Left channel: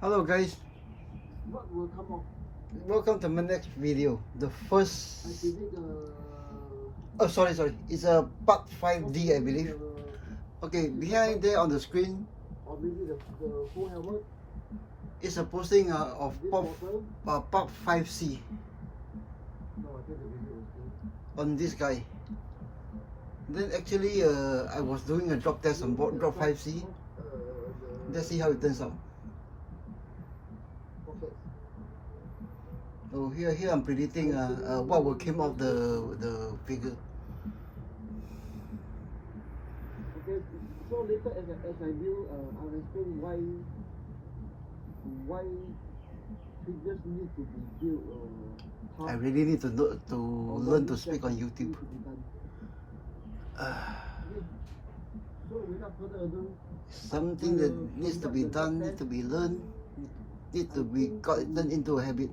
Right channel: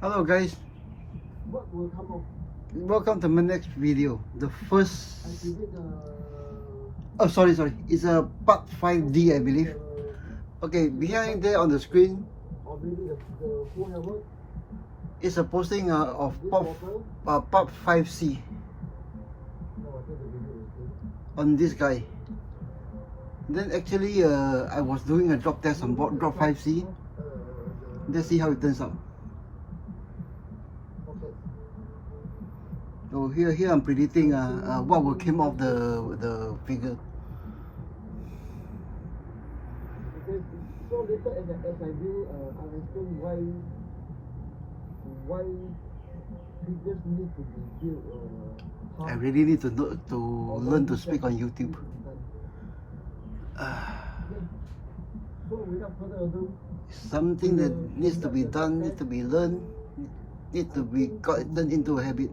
Hello guys, What will come off? welcome to my next video. The I first, predict oh sorry, it's a part 5D I believe. Okay, behind there on the screen or maybe the full helmet. is a posting of This part, bottle. part 5C No, I think the video is good. on this guy. Then actually I was doing a drop test on board drop 5C. Let's see how it turns out. So here I'm predicting what will come off the figure. Okay, so later as I do, I'll explain why figures need to be built. I really need to know, to learn to speak on YouTube. So without further ado, Something that needs to be done, needs to be learned, needs to be gotten into a habit.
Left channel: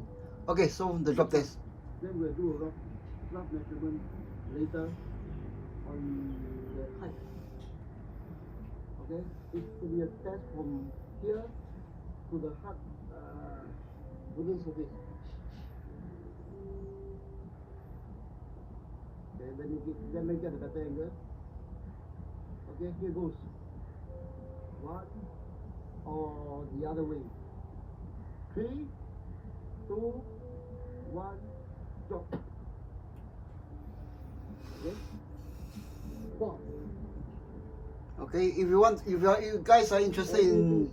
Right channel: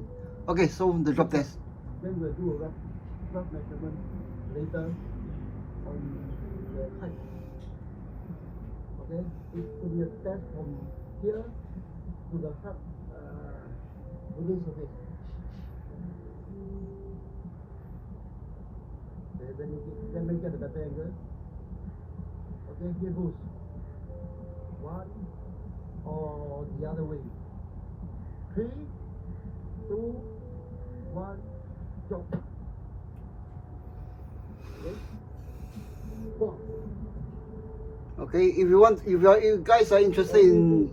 Okay, so the drop test. then we'll do a rough measurement later on the height. Okay, it will be a test from here to the hard wooden surface. Okay, then make it a better angle. Okay, here goes. One or the other way. 3, 2, 1, drop. Okay. Go. Okay, if you guys are interested in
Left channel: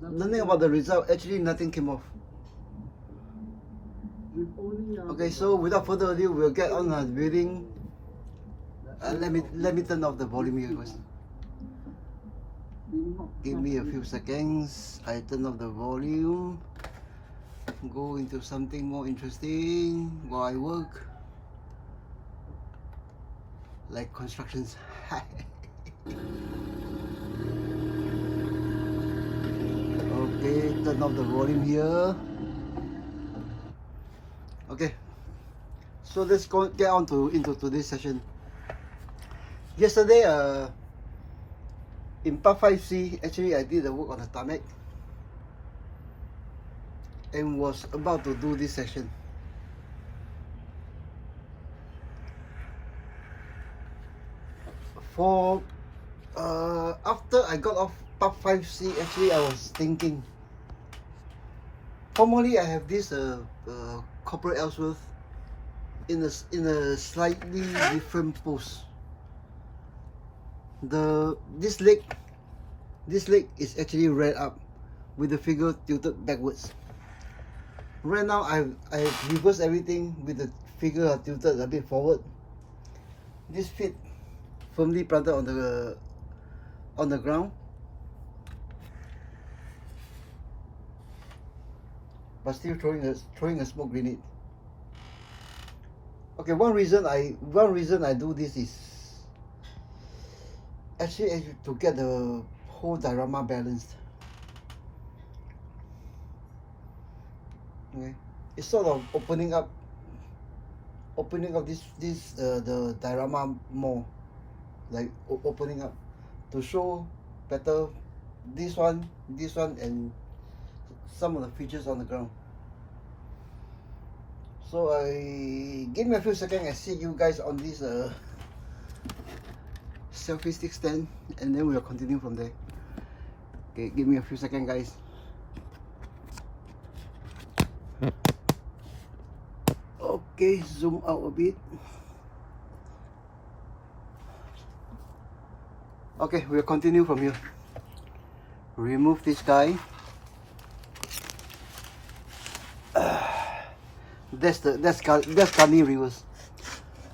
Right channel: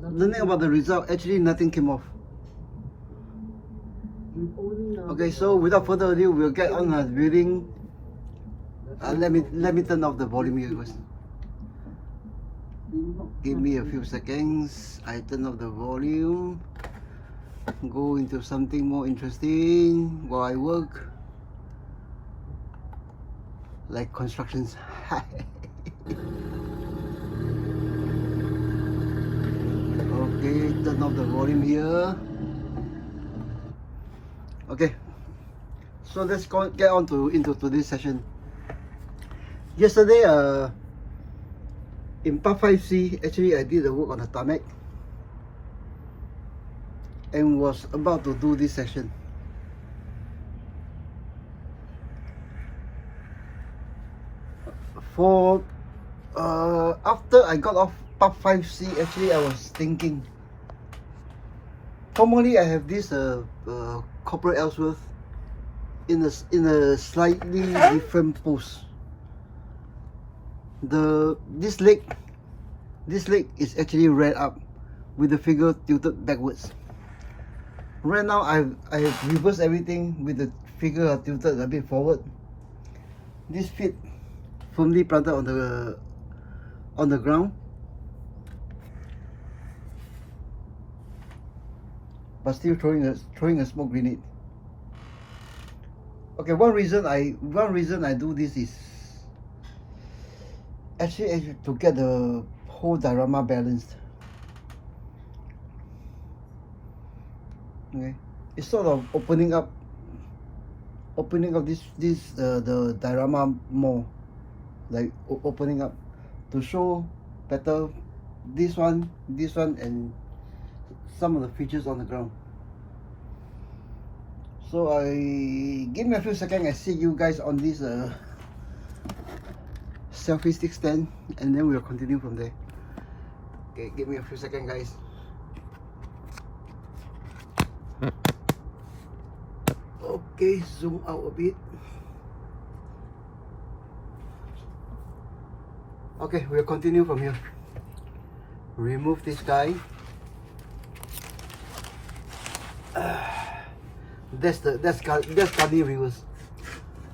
learning about the result, actually nothing came off. Okay, so without further ado, we'll get on building. Let me turn off the volume here guys. Give me a few seconds. I turn off the volume. Go into something more interesting while I work, like constructions. Okay, turn off the volume here. Okay, so let's get on into today's session. Yesterday, in part 5C, actually I did the work on the Tarmac and was about to do this session. For after I got off part 5C, actually I was thinking, formally I have this copper Ellsworth in a slightly different pose. This leg is actually reared up with the figure tilted backwards. Right now I have reversed everything with the figure tilted a bit forward. This feet firmly planted on the ground, but still throwing a smoke grenade. Okay, one reason I do this is actually to get the whole diorama balanced. Okay, it's sort of opening up this the diorama more, like opening up to show better this one and some of the features on the ground. So give me a few seconds. I see you guys on this selfie stick stand, and then we'll continue from there. Okay, give me a few seconds guys. Okay, zoom out a bit. Okay, we'll continue from here. Remove this guy. That's Kali reverse.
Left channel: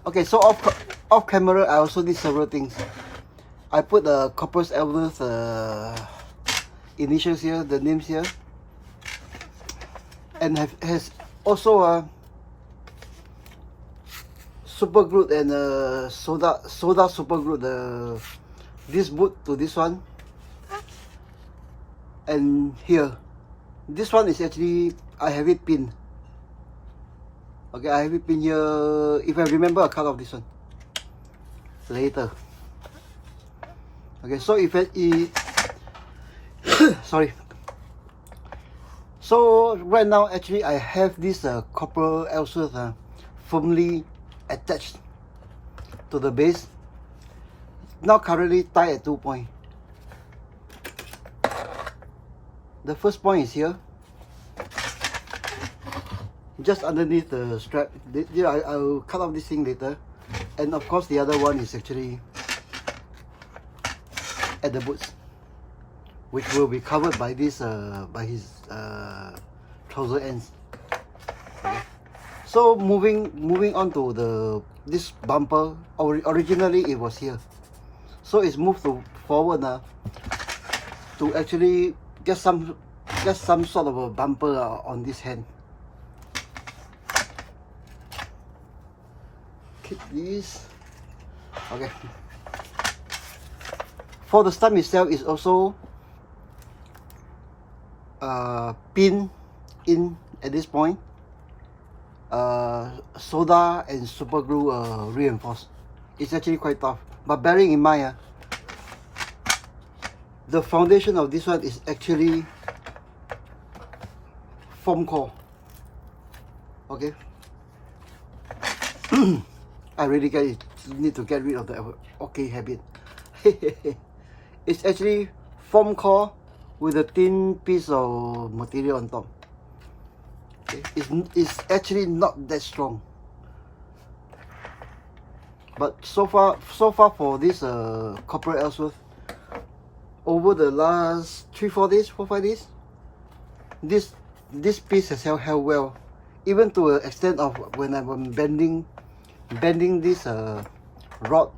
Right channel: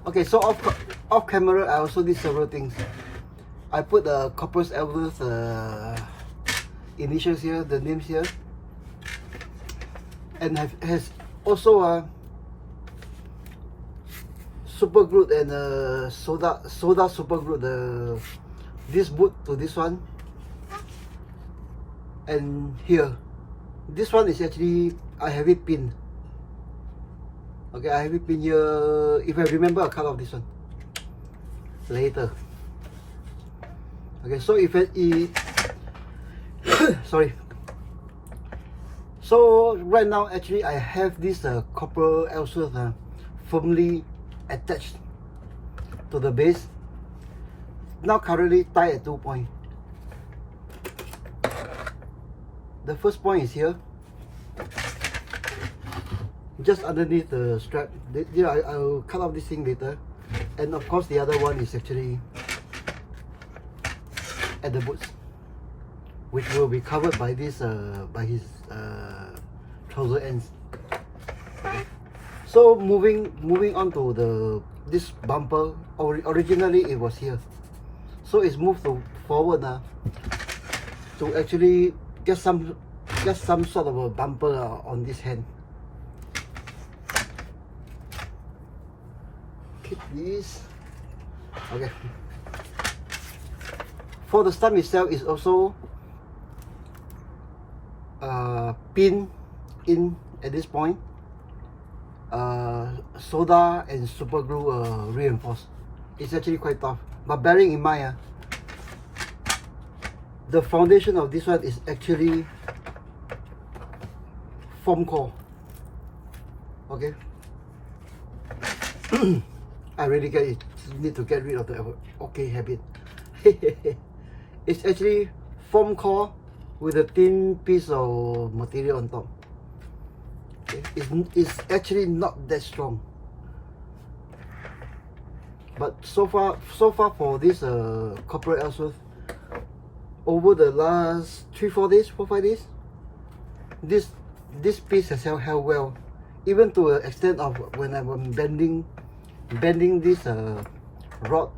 Okay, so off camera I also did several things. I put the copper's Ellsworth initials here, the names here, and has also super glued and soda super glued this boot to this one, and here this one is actually I have it pinned. Okay, I have it pinned here. If I remember, I cut off this one later. Okay, so if it sorry. So right now actually I have this copper Ellsworth firmly attached to the base. Now currently tied at 2 points. The first point is here, just underneath the strap. I'll cut off this thing later. And of course the other one is actually at the boots, which will be covered by this by his trouser ends. Okay. So moving on to this bumper. Originally it was here, so it's moved forward now to actually get some sort of a bumper on this hand. Keep this. Okay. For the stump itself is also pinned in at this point. Soda and super glue reinforced. It's actually quite tough, but bearing in mind the foundation of this one is actually foam core. Okay. I really need to get rid of the okay habit. It's actually foam core with a thin piece of material on top. Okay. It's actually not that strong, but so far for this copper Ellsworth, over the last 4 5 days, this piece has held well, even to an extent of when I'm bending this rod,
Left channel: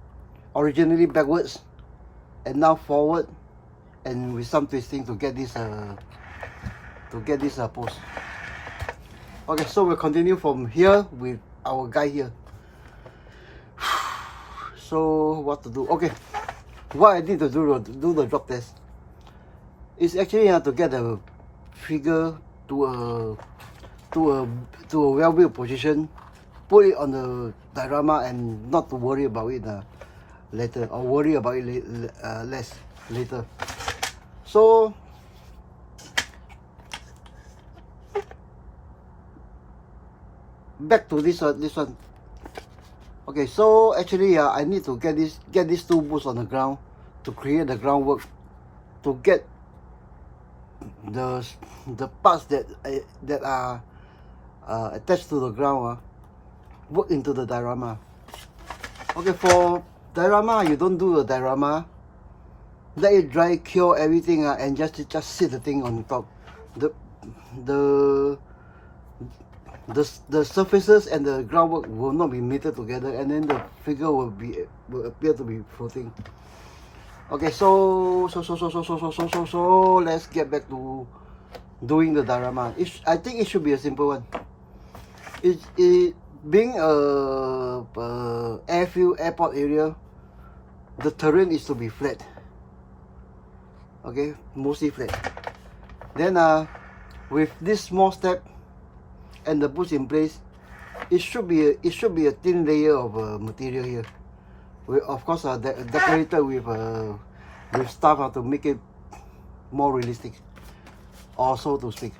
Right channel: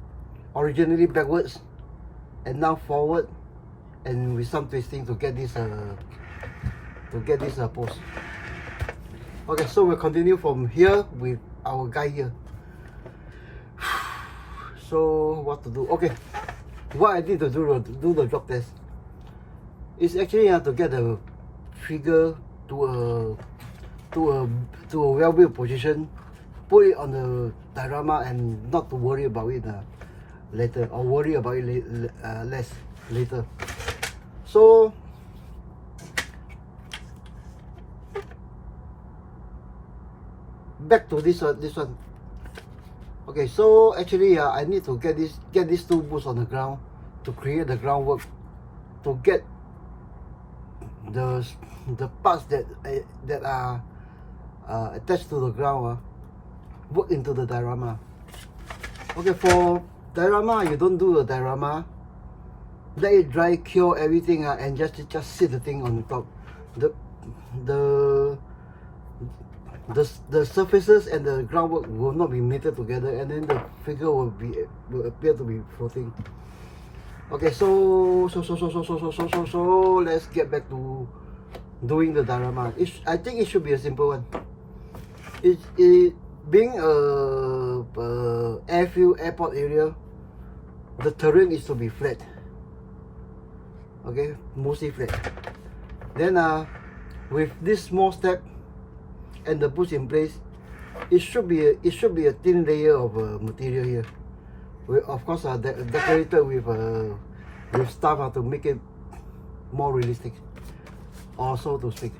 originally backwards and now forward, and with some twisting to get this post. Okay, so we'll continue from here with our guy here. So what to do? Okay, what I need to do the drop test is actually to get the figure to a well-built position, put it on the diorama, and not to worry about it later, or worry about it less later. So back to this one. Okay, so actually I need to get these 2 boots on the ground to create the groundwork, to get the parts that are attached to the ground work into the diorama. Okay, for diorama, you don't do a diorama, let it dry, cure everything and just sit the thing on the top. The surfaces and the groundwork will not be knitted together, and then the figure will appear to be floating. Okay, so let's get back to doing the diorama. I think it should be a simple one. It being a airfield, airport area, the terrain is to be flat. Okay, mostly flat. Then with this small step and the boots in place, it should be a thin layer of material here. We of course decorated with stuff to make it more realistic, or so to speak.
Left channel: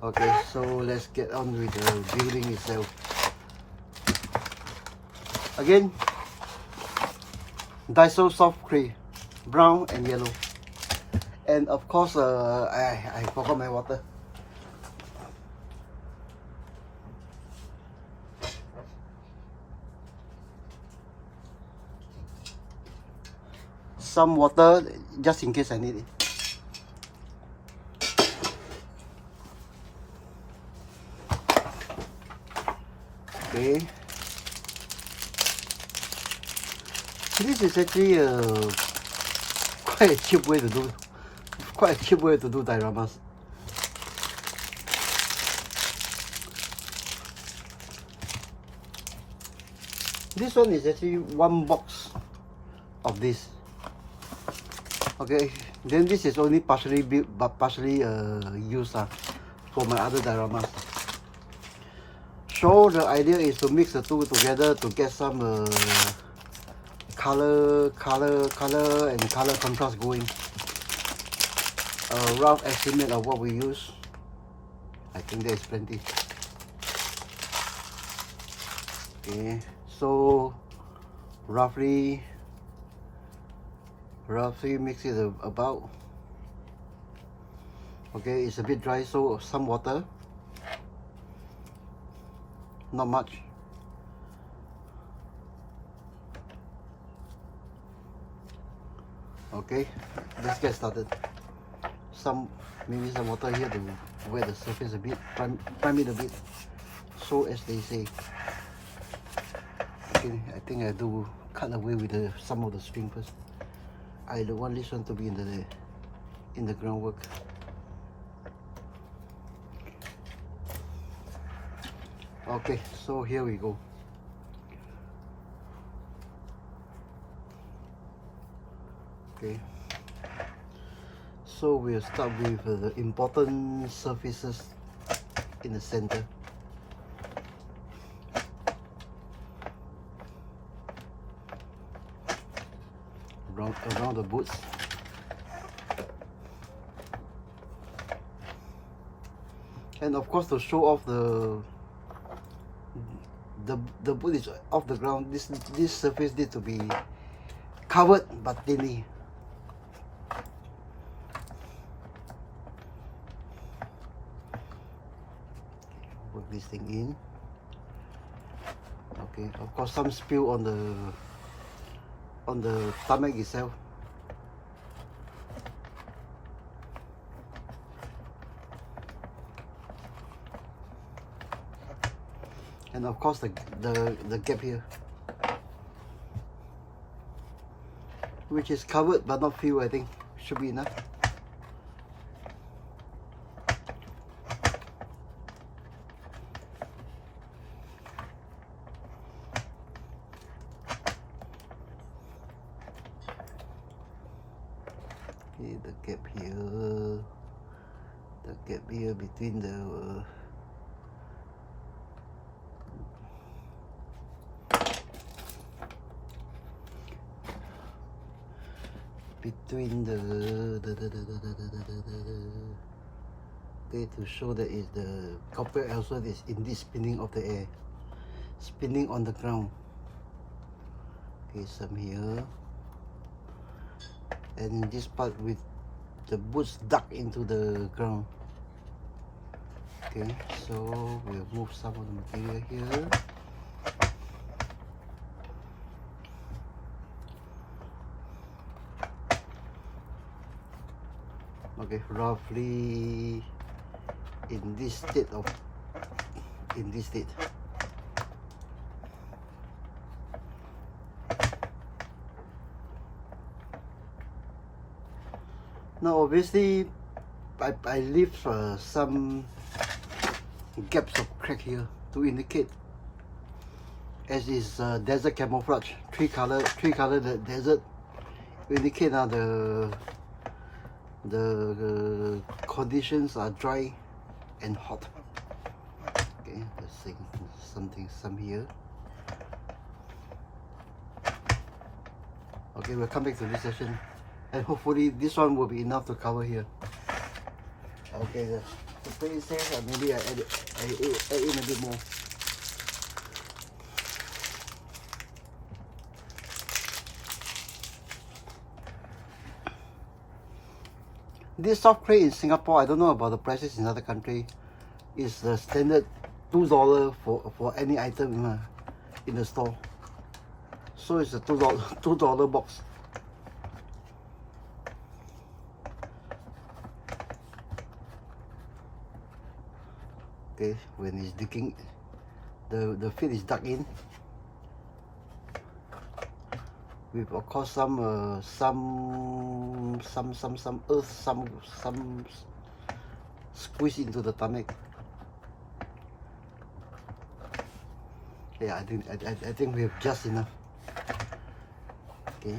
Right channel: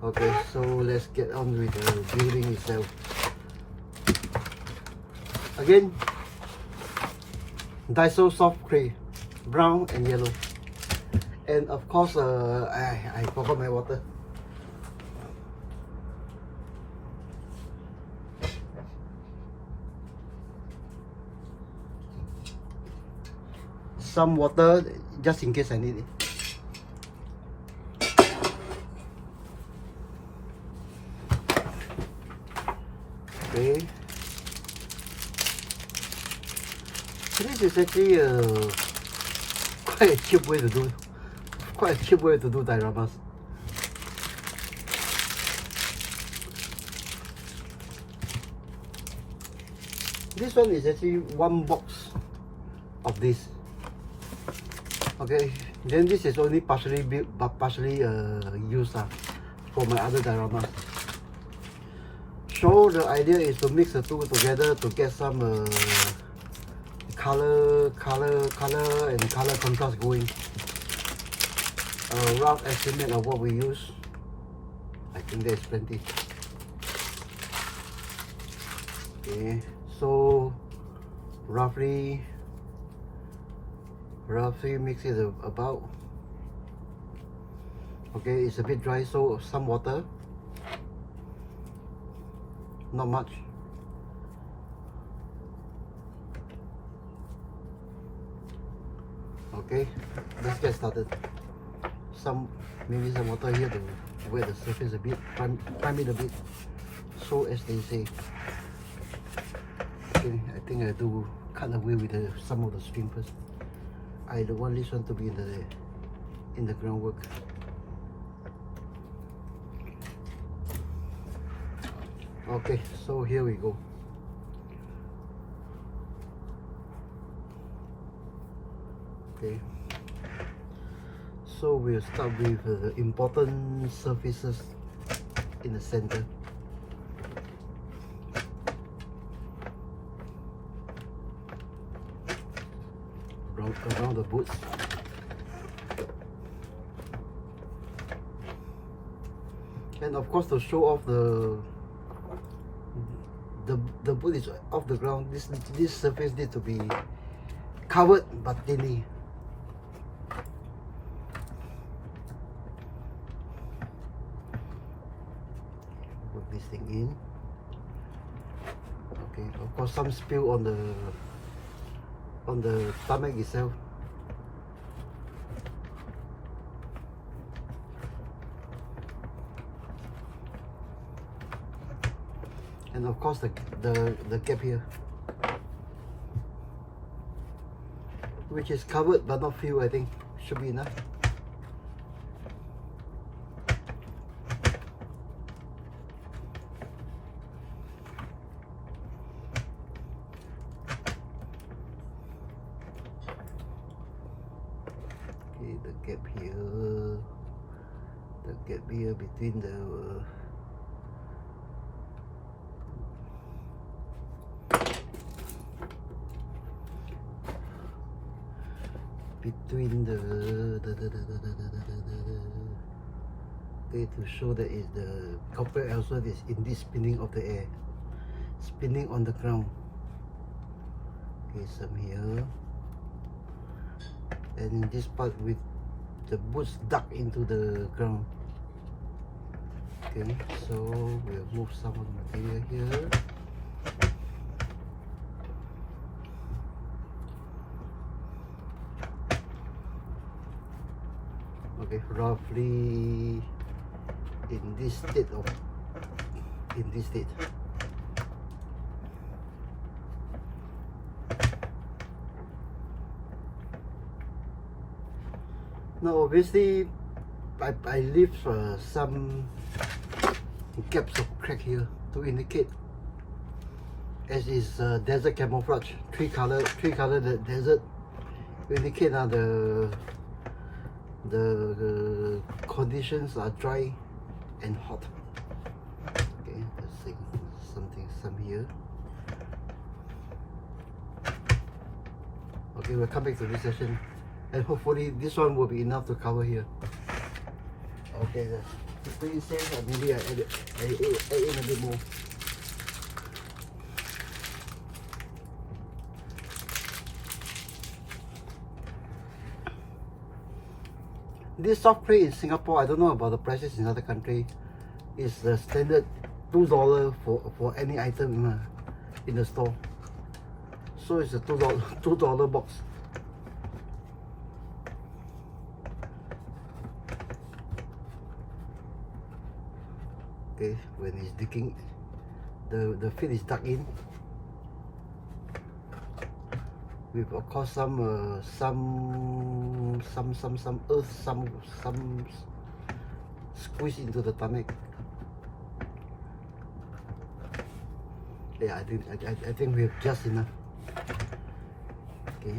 Okay, so let's get on with the building itself. Again, Daiso soft clay, brown and yellow, and of course I forgot my water. Some water just in case I need it. Okay, this is actually quite a cheap way to do dioramas. This one is actually 1 box of this. Okay, then this is only partially built but partially used for my other dioramas. So the idea is to mix the 2 together to get some color and color contrast going. a rough estimate of what we use. I think there's plenty. Okay, so roughly mix it about. Okay, it's a bit dry, so some water, not much. Okay, let's get started. Maybe some water here to wet the surface a bit, prime it a bit, so as they say. Okay, I think I do cut away with some of the string first. I don't want this one to be in the groundwork. Okay, so here we go. Okay, so we'll start with the important surfaces in the center. Around the boots. And of course, to show off the boot is off the ground, this surface need to be covered but thinly. Put this thing in. Okay, of course some spill on the tarmac itself. And of course the gap here, which is covered but not filled. I think should be enough. Okay, the gap here between okay, to show that is the copper also is in this spinning of the air, spinning on the ground. Okay, some here, and in this part with the boots dug into the ground. Okay, so we'll move some of the material here. Okay, roughly in this state. Now obviously I leave some gaps of crack here to indicate, as is desert camouflage, three color the desert, indicate the conditions are dry and hot. Okay, let's see some here. Okay, we'll come back to this session, and hopefully this one will be enough to cover here. Okay, to stay safe, maybe I add in a bit more. This soft clay in Singapore, I don't know about the prices in other country, is the standard $2 for any item in the store. So it's a $2 box. Okay, when it's digging, the fill is dug in with of course some earth, some squeeze into the tarmac. Yeah, I think we have just enough. Okay,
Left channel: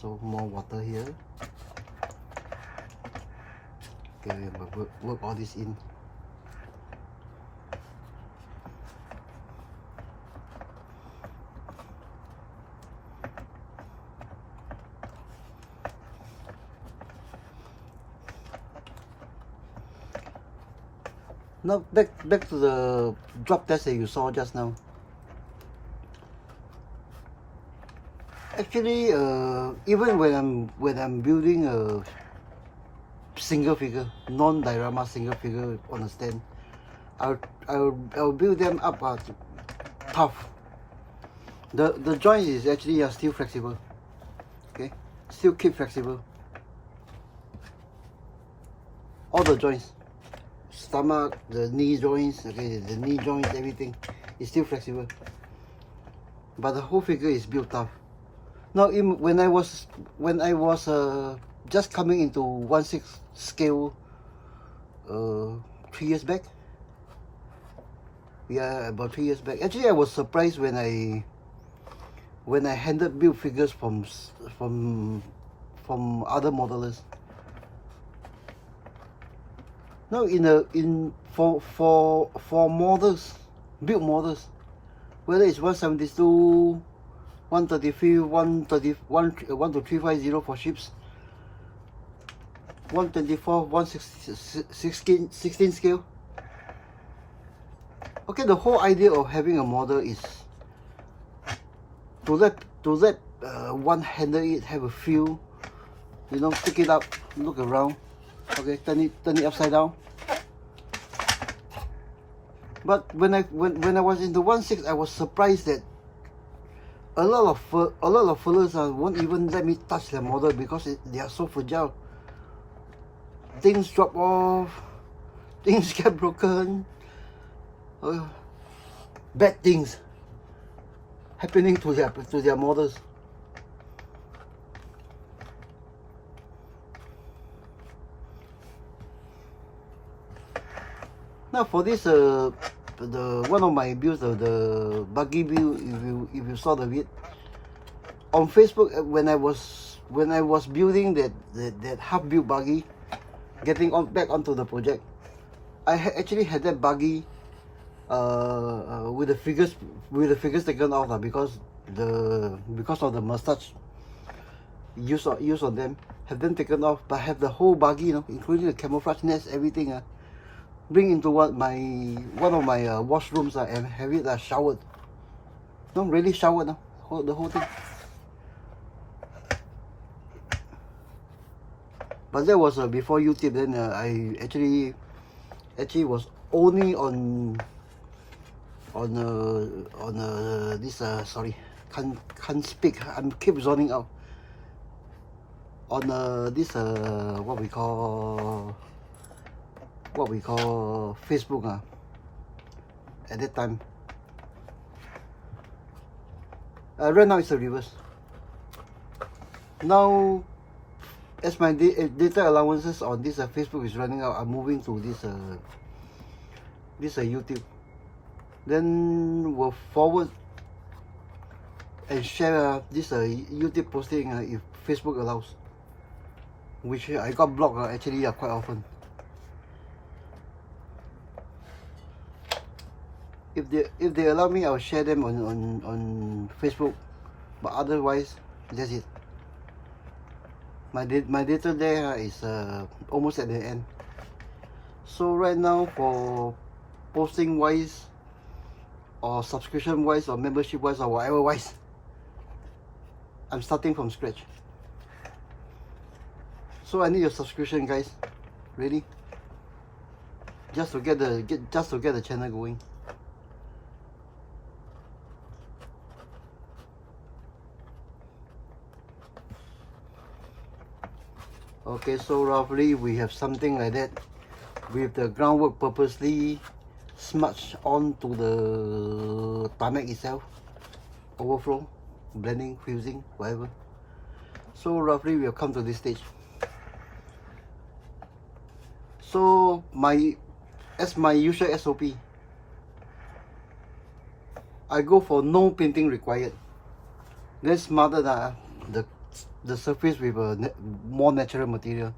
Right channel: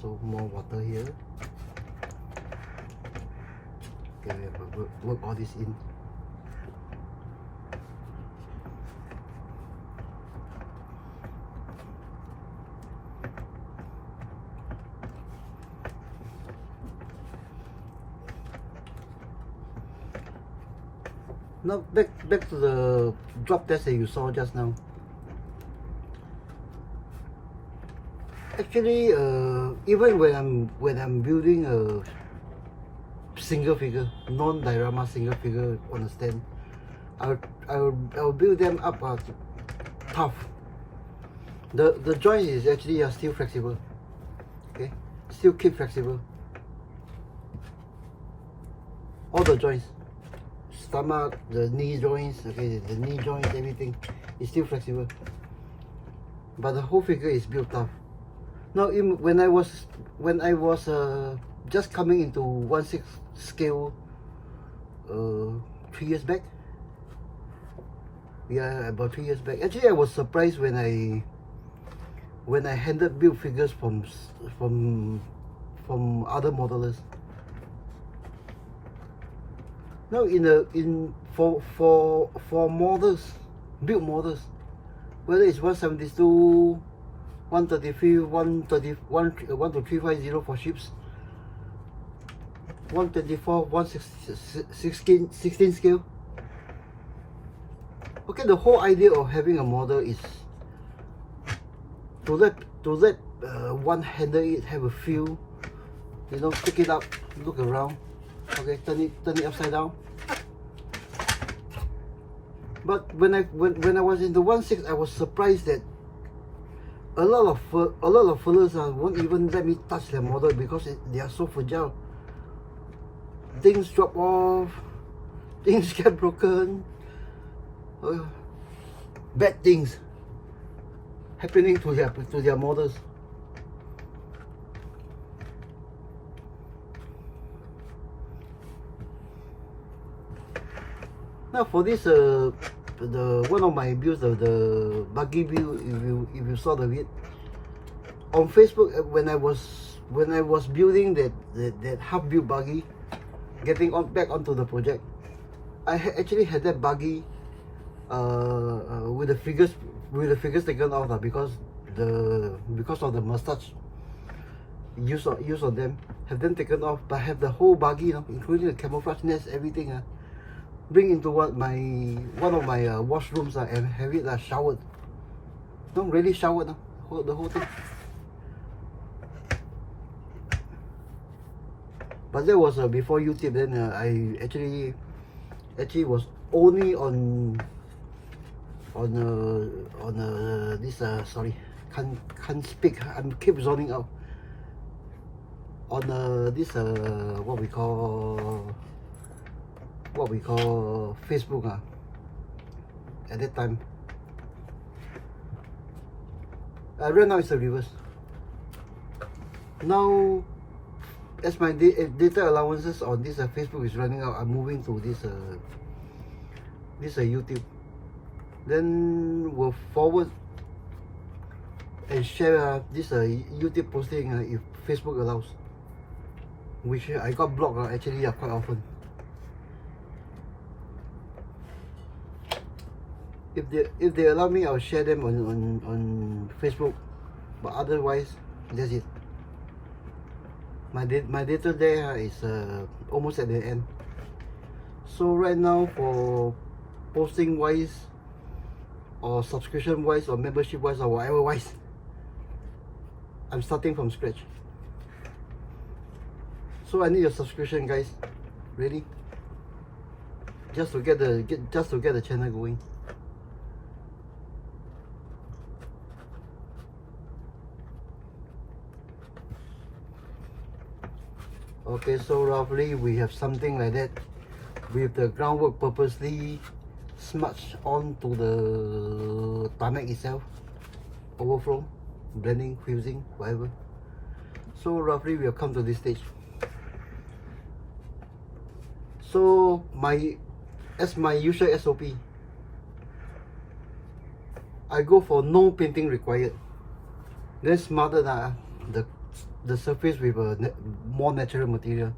so more water here. Okay, we will work all this in. Now back to the drop test that you saw just now. Actually, even when I'm building a single figure, non-diorama single figure on a stand, I'll build them up tough. The joint is actually still flexible. Okay, still keep flexible. All the joints, stomach, the knee joints, okay, the knee joints, everything is still flexible. But the whole figure is built tough. Now, when I was just coming into 1/6 scale 3 years back. Yeah, about 3 years back. Actually, I was surprised when I handed build figures from other modelers. Now, for models, build models, whether it's 172, 133, 12350 for ships, 124, 116 scale. Okay, the whole idea of having a model is to let one handle it, have a feel, you know, pick it up, look around, okay, turn it upside down. But when I was in the 1/6, I was surprised that a lot of fellas won't even let me touch the model because they are so fragile. Things drop off, things get broken, bad things happening to their models. Now for this the one of my builds of the buggy build, if you saw the vid on Facebook, when I was building that half built buggy, getting back onto the project, I actually had that buggy with the figures taken off because of the mustache use on them, have them taken off, but have the whole buggy, you know, including the camouflage nest, everything, bring into one of my washrooms and have it showered. No, really showered, the whole thing. But that was before YouTube. Then I actually was only on this sorry, can't speak. I keep zoning out. On this what we call Facebook at that time. Right now it's a reverse. Now, as my data allowances on this Facebook is running out, I'm moving to this YouTube. Then we'll forward and share this YouTube posting if Facebook allows, which I got blocked actually quite often. If they allow me, I'll share them on Facebook, but otherwise that's it. My data there is almost at the end. So right now, for posting wise, or subscription wise, or membership wise, or whatever wise, I'm starting from scratch. So I need a subscription, guys. Really, just to get the channel going. Okay, so roughly we have something like that, with the groundwork purposely smudged onto the tarmac itself, overflow, blending, fusing, whatever. So roughly we'll come to this stage. So as my usual SOP, I go for no painting required. Then smothered the surface with a more natural material.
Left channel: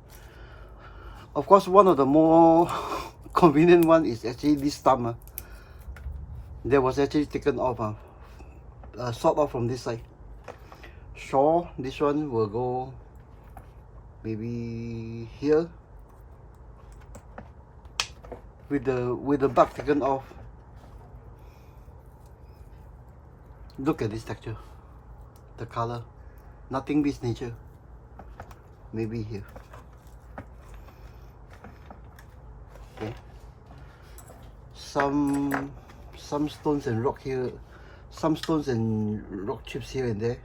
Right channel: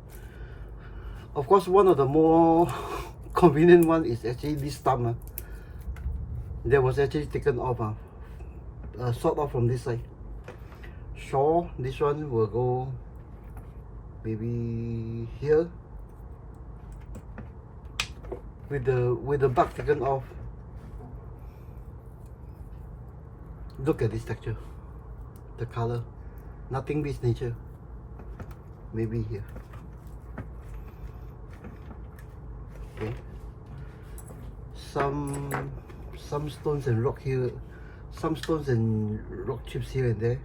Of course, one of the more convenient one is actually this stump that was actually taken off, sort off from this side. Sure, this one will go maybe here. with the bark taken off. Look at this texture, the color, nothing beats nature. Maybe here. Okay. Some stones and rock here, some stones and rock chips here and there.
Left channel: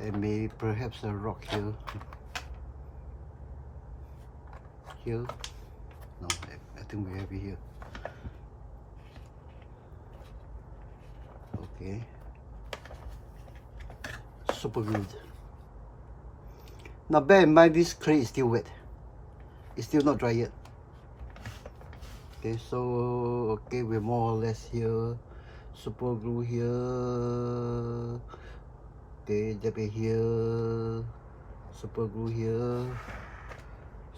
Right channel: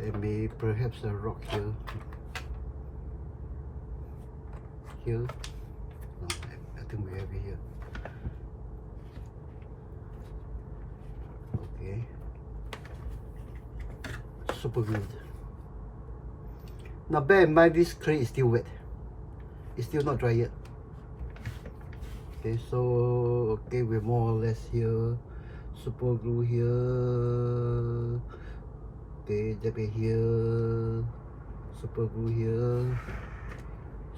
And maybe perhaps a rock here. Here. No, I think we have it here. Okay. Super good. Now bear in mind this clay is still wet. It's still not dry yet. Okay, so okay, we're more or less here. Super glue here. Okay, dab it here. Super glue here.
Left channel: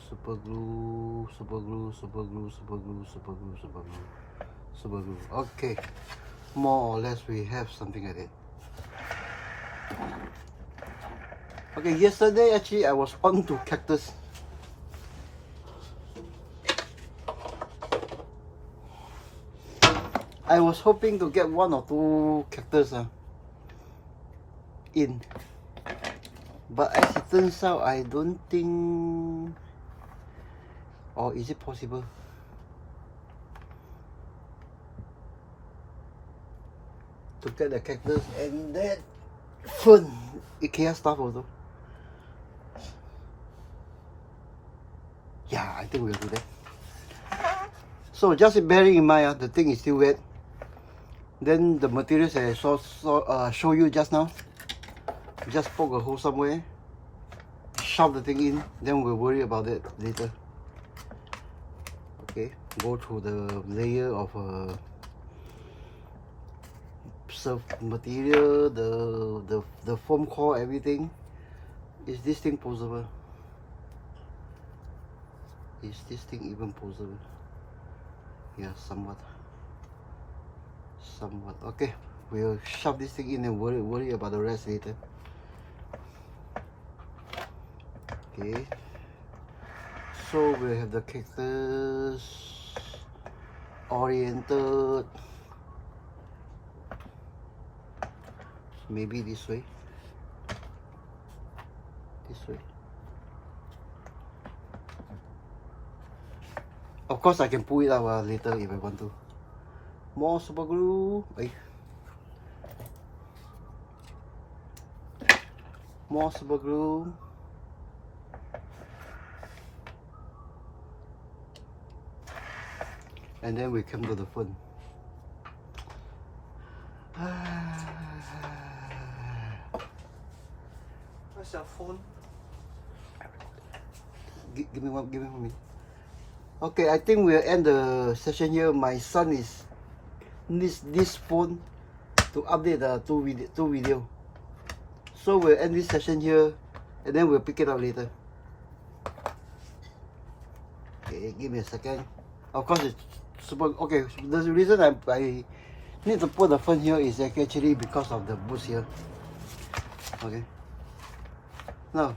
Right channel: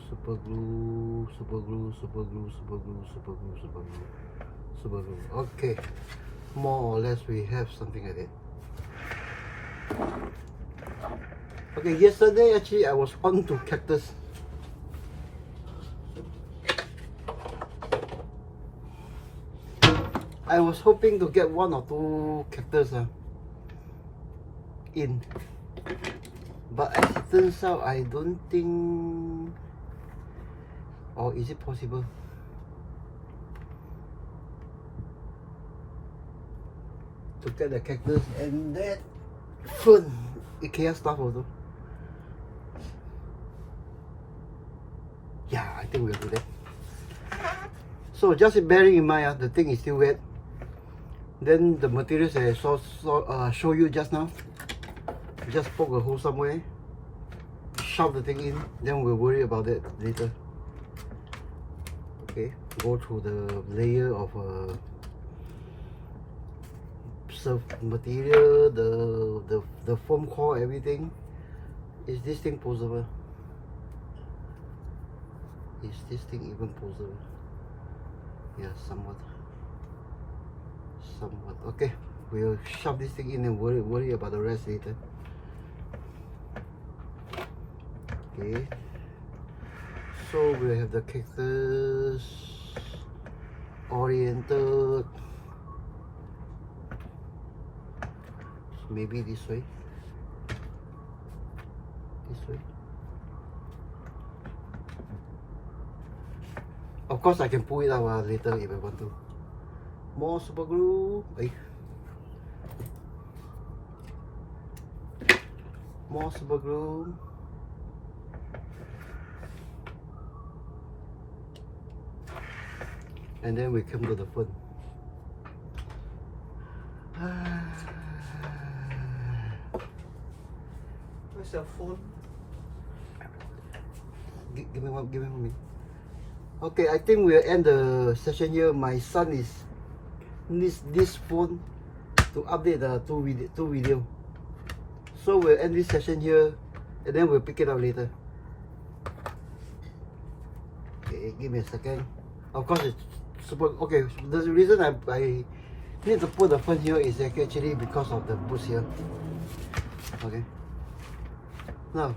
Super glue, super glue, super glue, super glue, super glue, super glue, super glue. Okay, more or less we have something like that. Okay, yesterday actually I was on to cactus. I was hoping to get 1 or 2 cactus in, but as it turns out, I don't think, or is it possible? To get the cactus and that fern, IKEA stuff also. Yeah, I think we'll do that. So just bearing in mind, the thing is still wet. Then the materials I show you just now, just poke a hole somewhere, shove the thing in, then we'll worry about that later. Okay, go through the layer of material, the foam core, everything. Is this thing posable? Is this thing even posable? Yeah, somewhat. Okay, we'll shove this thing in and worry about the rest later. Okay, so we have the cactus oriented. So maybe this way. This way. Of course, I can pull it out later if I want to. More super glue. More super glue. And then we come to the fern. Where's your phone? Give me one, give me 1 minute. Okay, I think we'll end the session here. My son needs this phone to update the two video. So we'll end this session here, and then we'll pick it up later. Okay, give me a second. Of course, it's super. Okay, the reason I need to put the phone here is actually because of the boost here. Okay. Now,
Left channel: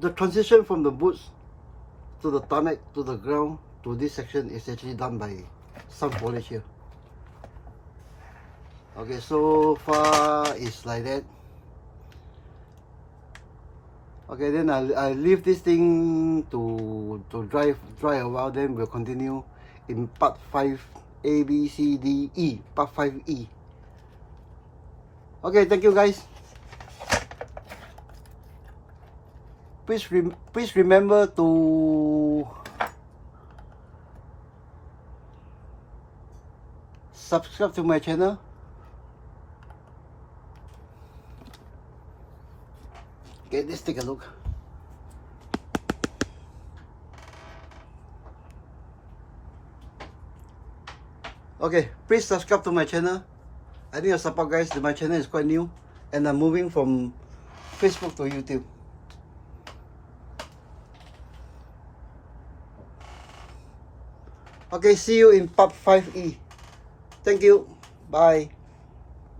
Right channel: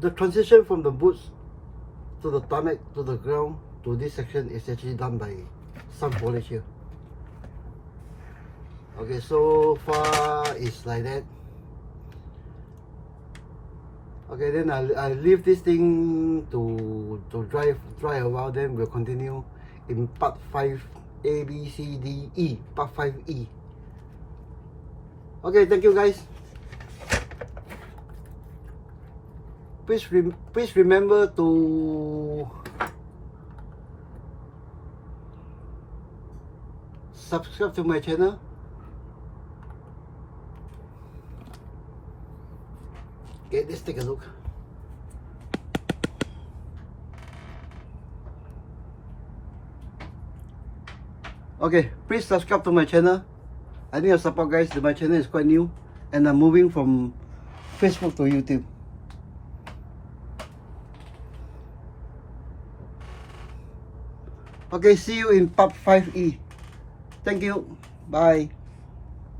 the transition from the boots to the tarmac to the ground to this section is actually done by some polish here. Okay, so far it's like that. Okay, then I'll leave this thing to dry a while, then we'll continue in part 5 A, B, C, D, E, part 5E. Okay, thank you guys. Please remember to subscribe to my channel. Okay, let's take a look. Okay, please subscribe to my channel. I need your support, guys. My channel is quite new and I'm moving from Facebook to YouTube. Okay, see you in part 5E. Thank you. Bye.